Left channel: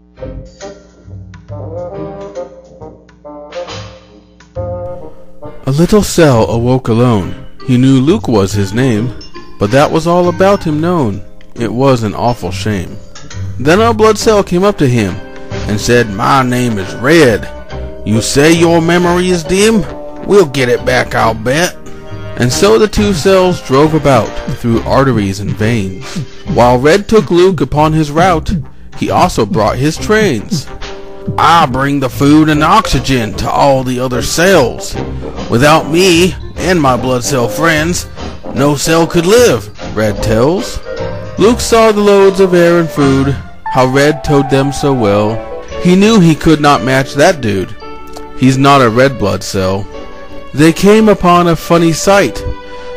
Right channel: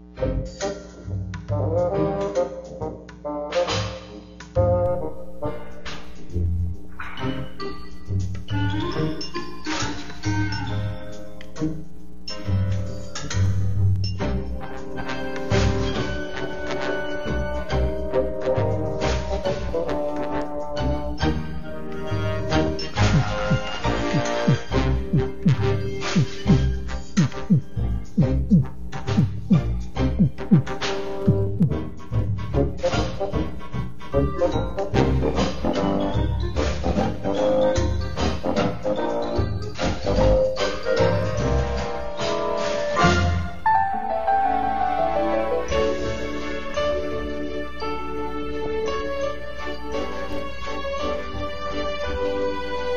A little cell awoke alone. He knew Luke was his name, but that was all about him known. It was an awful shame. Then a blood cell came up to him and said, "My name is Red. You say your memory is dim? We'll get it back, I'll bet." And so the two cells drove about through arteries and veins. While Red took Luke upon his route, he also brought his trains. "I bring the food and oxygen to all the other cells. Without me and my blood cell friends, no cell could live," Red tells. Luke saw the loads of air and food, how Red towed them so well. He knew he could not match that dude. He's not a red blood cell. They came upon a funny sight,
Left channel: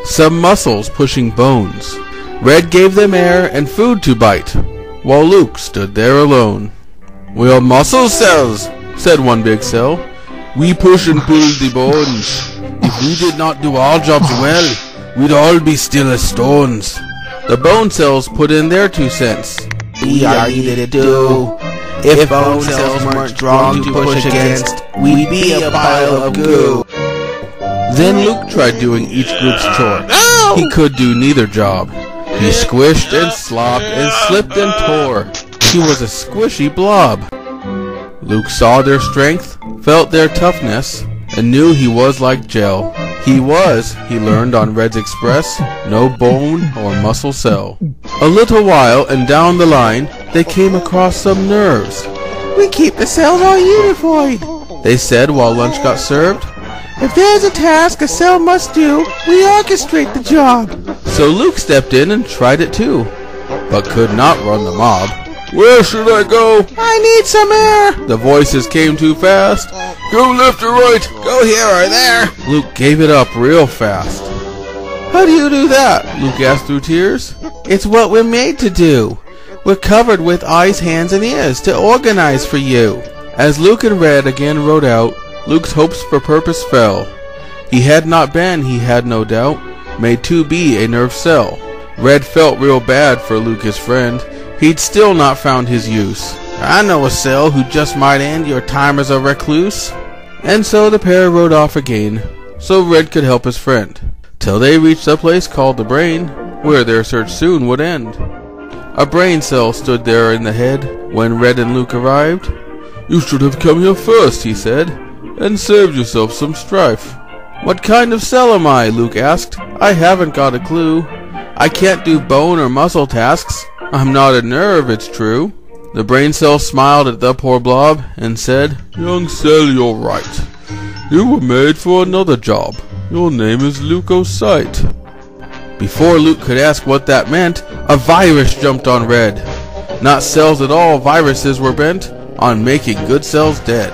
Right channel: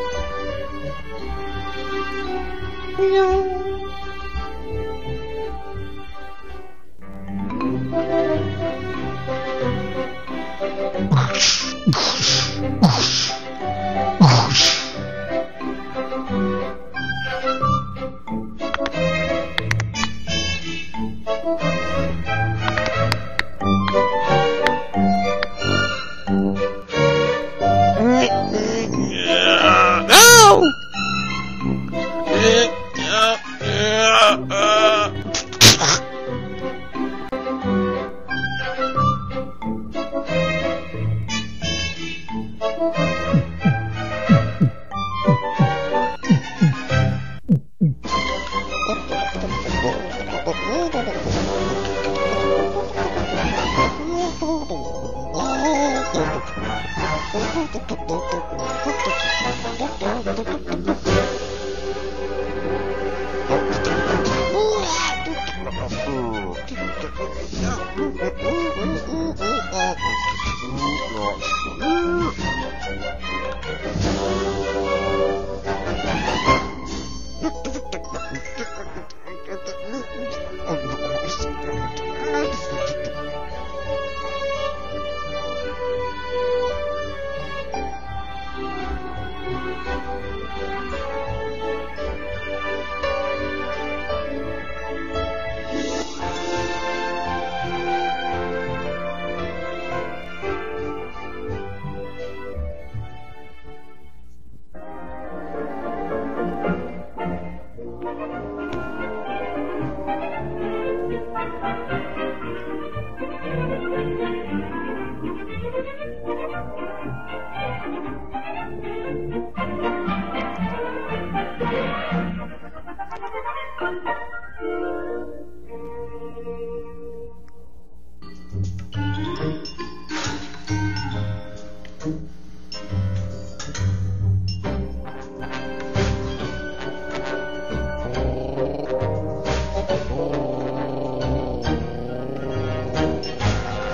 some muscles pushing bones. Red gave them air and food to bite, while Luke stood there alone. "We are muscle cells," said one big cell. "We push and pull the bones. If we did not do our jobs well, we'd all be still as stones." The bone cells put in their 2 cents. "We are easy to do. If bone cells weren't strong to push against, we'd be a pile of goo." Then Luke tried doing each group's chore. He could do neither job. He squished and slopped and slipped and tore. He was a squishy blob. Luke saw their strength, felt their toughness, and knew he was like gel. He learned on Red's Express, no bone or muscle cell. A little while, and down the line, they came across some nerves. "We keep the cells all unified," they said while lunch got served. "If there's a task a cell must do, we orchestrate the job." So Luke stepped in and tried it too, but could not run the mob. "Where should I go?" "I need some air." The voices came too fast. "Go left or right?" "Go here or there." Luke gave it up real fast. "How do you do that?" Luke asked through tears. "It's what we're made to do. We're covered with eyes, hands, and ears to organize for you." As Luke and Red again rode out, Luke's hopes for purpose fell. He had not been, he had no doubt, made to be a nerve cell. Red felt real bad for Luke, his friend. He'd still not found his use. "I know a cell who just might end your time as a recluse." And so the pair rode off again, so Red could help his friend, till they reached a place called the brain, where their search soon would end. A brain cell stood there in the head when Red and Luke arrived. "You should have come here first," he said, "and saved yourself some strife." "What kind of cell am I?" Luke asked. "I haven't got a clue. I can't do bone or muscle tasks. I'm not a nerve, it's true." The brain cell smiled at the poor blob and said, "Young cell, you're right. You were made for another job. Your name is leukocyte." Before Luke could ask what that meant, a virus jumped on Red. Not cells at all, viruses were bent on making good cells dead.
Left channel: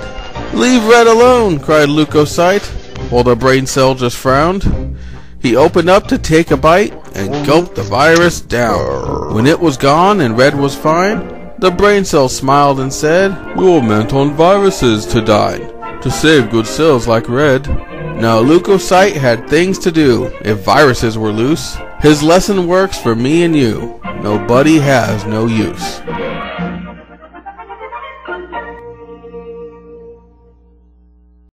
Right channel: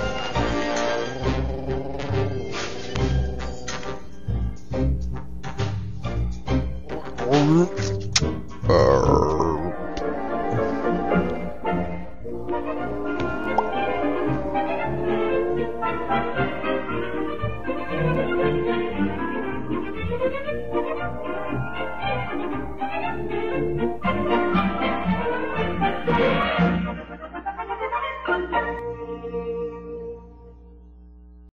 "Leave Red alone," cried leukocyte, while the brain cell just frowned. He opened up to take a bite and gulped the virus down. When it was gone and Red was fine, the brain cell smiled and said, "You're meant on viruses to dine, to save good cells like Red." Now leukocyte had things to do if viruses were loose. His lesson works for me and you. Nobody has no use.